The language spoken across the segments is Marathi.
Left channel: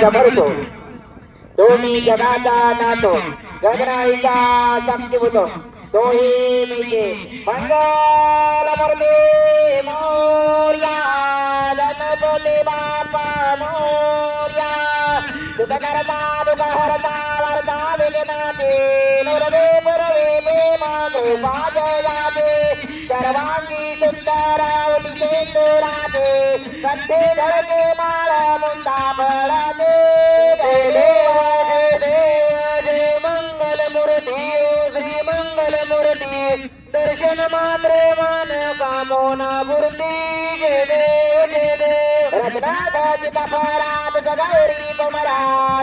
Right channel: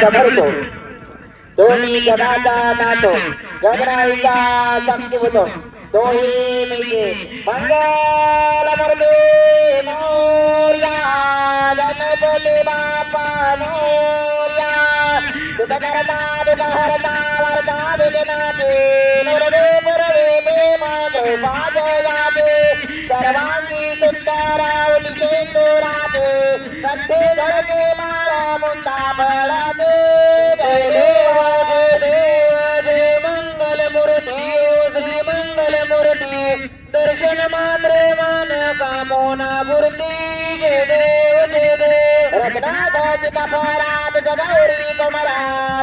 समर्थ दोन्ही जगाचा नातो गगनाईचा शक्तिभूत दोही मिळते मंगलमूर्ती मोर्या गणपती बाप्पा मोर्या सुखकर्ता दुःखहर्ता वर्ता विघ्नाते नुरवे पुरवे माधव पाजयाते सर्वांगी सुंदरावती सुंदराते सत्ते धडके माळा मुंडा बळाते जय देव जय मंगलमूर्ती श्री मंगलमूर्ती दर्शन मात्रे मन कामोना मूर्ती जय देव रत्नाचिता परात गौरी कुमरा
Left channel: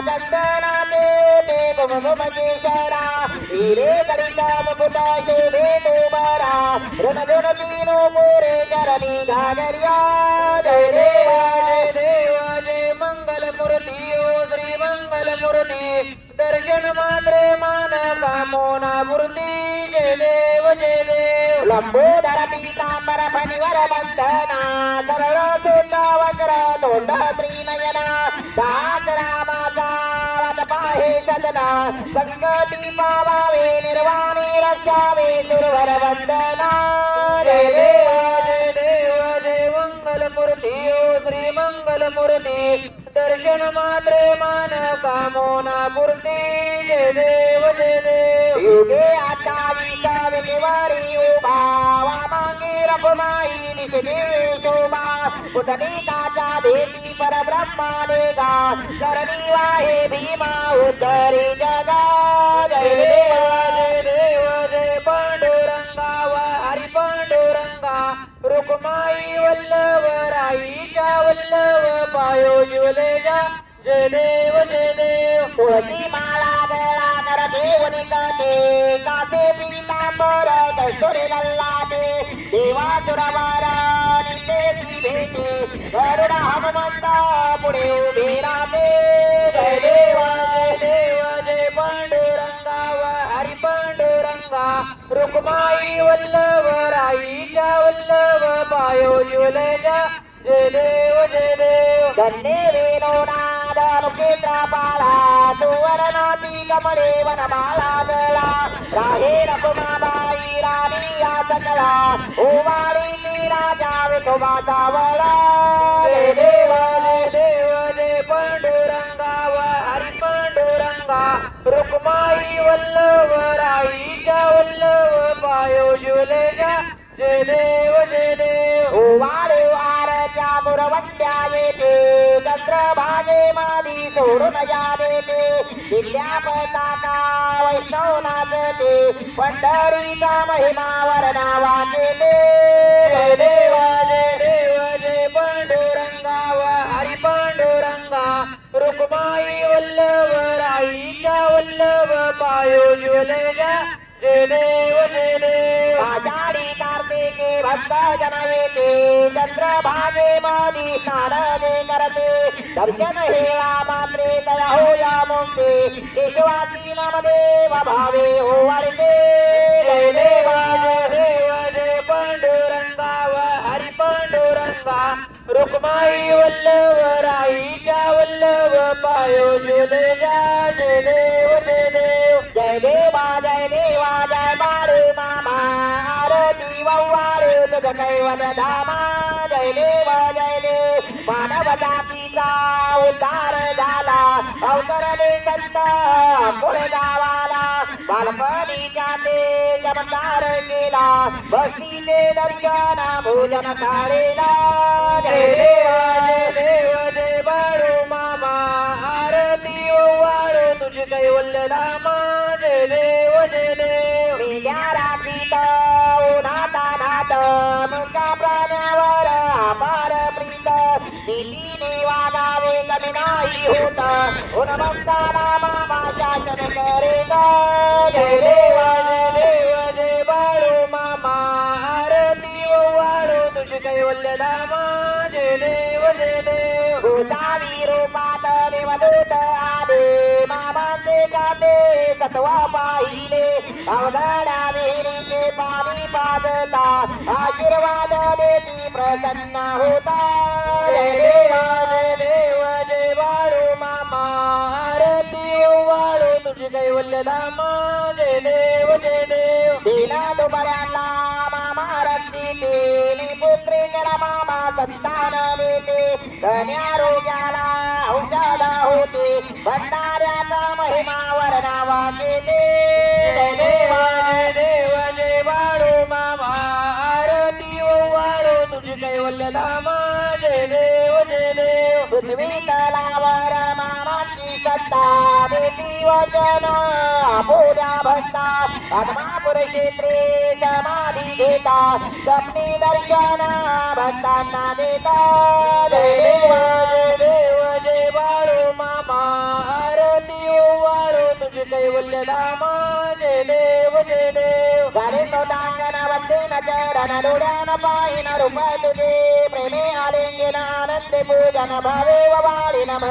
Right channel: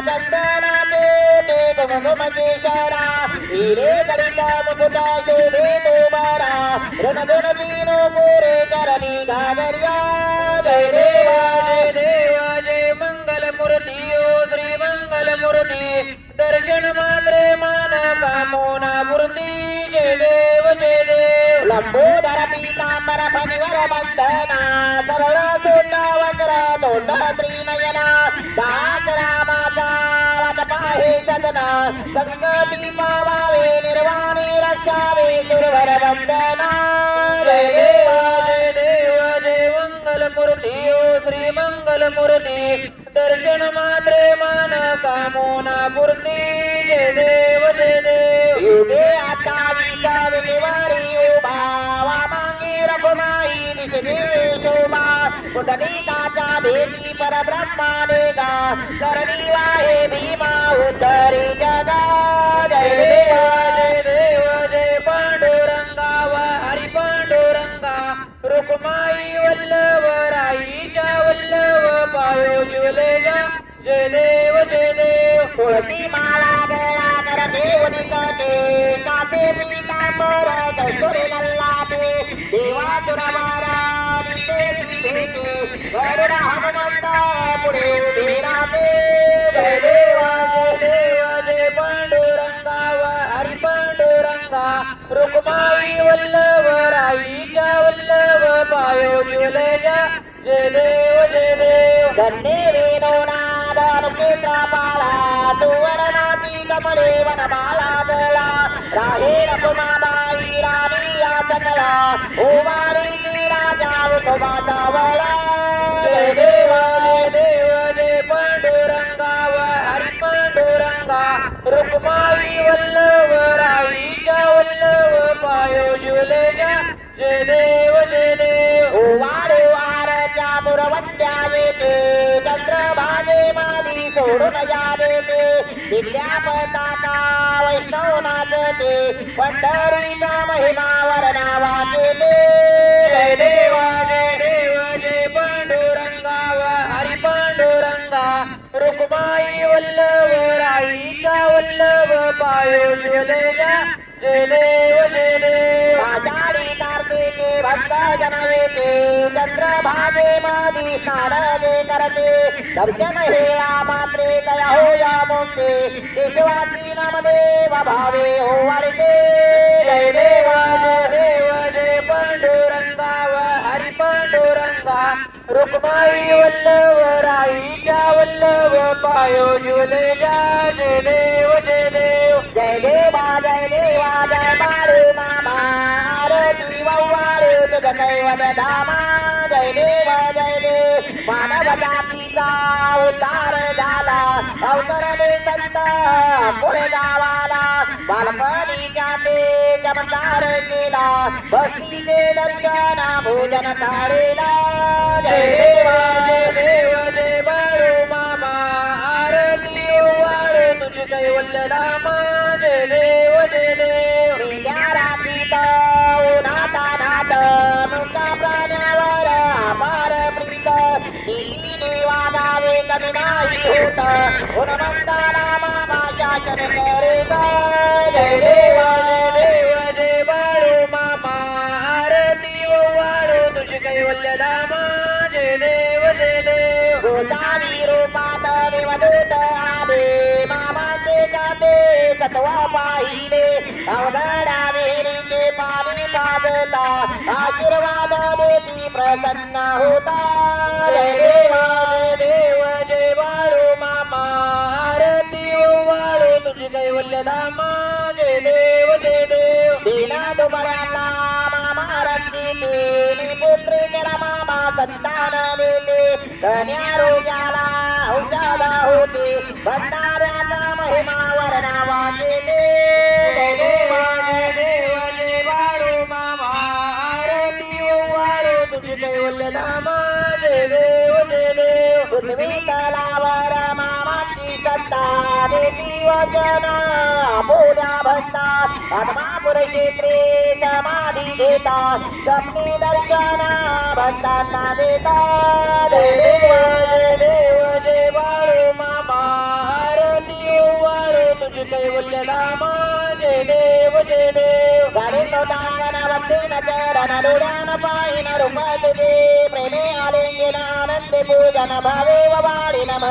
चंदनाते ते कुमकुमकेशरा हिरे करिता मुकुटा शोभे तुमारा रणगुण दीनो मोरे करणी घागर्या जय देवा जय मंगलमूर्ती श्री मंगलमूर्ती दर्शन मात्रे मान कामोना मूर्ती जय देव लंबोदर पीतांबर फणिवर बंधना सरळ सोंडा वक्र तोंड त्रिनयना दास रामाचा वाट पाहे सदना संगती पावावे निर्वाणी रक्षावे सुरवर वंदना जय देव जय मंगलमूर्ती श्री मंगलमूर्ती दर्शन मात्रे मान कामोना मूर्ती जय देव युगे आता विचारवारी उभा वामांगी रघुमाई निसदे शोभा पुतलिकाचा देवी परब्रह्मा देगा करणी आहे भीमा उद्धरी जगा जय देव जय पांडुरंगा हरी पांडुरंगा रुक्माई वल्लभ राईच्या वल्लभ पावे जुलेजा जय देव तुळसी माला गळा कर देवनी करते काते पीतांबर कस्तुरी लल्लाटे देवा सुरवारा निते भेटे गरुड हनुमंत पुढे उभे राहते जय देव जय पांडुरंगा हरी पांडुरंगा रुक्माई वल्लभ राईच्या वल्लभ पायो जुलेजा जय देव धन्य वेणोना मुकेचा बाळा सुवर्णाची कमळे वनमाला गळा राहे रघुमाबाई राणी या सकला उमारीची राजा उठोबाचा वळा जय देव जय पांडुरंगा हरी पांडुरंगा रुक्माई वल्लभ राईच्या वल्लभ पायो जुलेजा जय देव उवारे वारच्या मुरवट्या येते चंद्रभागे मादी सोडून जाते दिव्या पताका वैष्णव नाचते पंढरीचा महिमा वर्णावाचे जय देव जय पांडुरंगा हरी पांडुरंगा रुक्माई वल्लभ राईच्या वल्लभ पायो जुलेजा जय देव आषाढी कार्तिके भक्त जनवेते चंद्रभागे मादी स्नान करते दर्शन हेवा मात्रे लय हो या मोठे केशवाची नामदेव भावे हो वाढते जय देव जय पांडुरंगा हरी पांडुरंगा रुक्माई वल्लभ राईच्या वल्लभ पायो जुलेजा जय देव जय देवा जय बाळू मामा आरती वव्वारे तुझ कैवत धामा जय देव मानव जातीचा उद्धार झाला अवतरले संत पुढे गावाला बालपणीच्या ते चमत्कार केला भक्तीचे दर्शन भोजन थाळीला जय देव जय बाळू मामा आरती वव्वारे तुझ कैवल्य धामा जय देव उन्हाचा नाट मुका प्राण्यावर अपार प्रीत निधी वागावे कमी नाही होत उन्मंताला मामा शासन करेल जय देव जय बाळू मामा आरती वव्वारू तुझी कैवल्य धामा जय देव गोसावी रूपात निवडत आले मामाचे गाते सत्वा पाहिले अवघडा विहिरीचे पाणी पाजता आशीर्वाद प्रसन्न होता जय देव जय बाळू मामा तुझी कैवल्य धाम जय देव जय देव दीना तुम्हाला मामा रक्षिते पुत्री केला मामा संतान मिळते कन्या रोग्याला औषधा होते भंडाऱ्याचा महिमा वर्णावाचे जय देव जय देव जय वाळू मामा आरती वाळू तुझी कैवल्य धाम जय देव जय देव पृथ्वी तलावर मामाची सत्ता देती वचन पूजा भक्तात पद्मापुर क्षेत्रे समाधी घेतात स्वप्नी दर्शन भक्तांना देतात जय देव जय वाळू मामा आरती वाळू तुझी कैवल्य धाम जय देव जय देव गाडी नवतांगणावरती न चरण डोळ्यान पाहिन रूप तुझे प्रेमे आलिंगन आनंदे पूजन भावे वाळी नम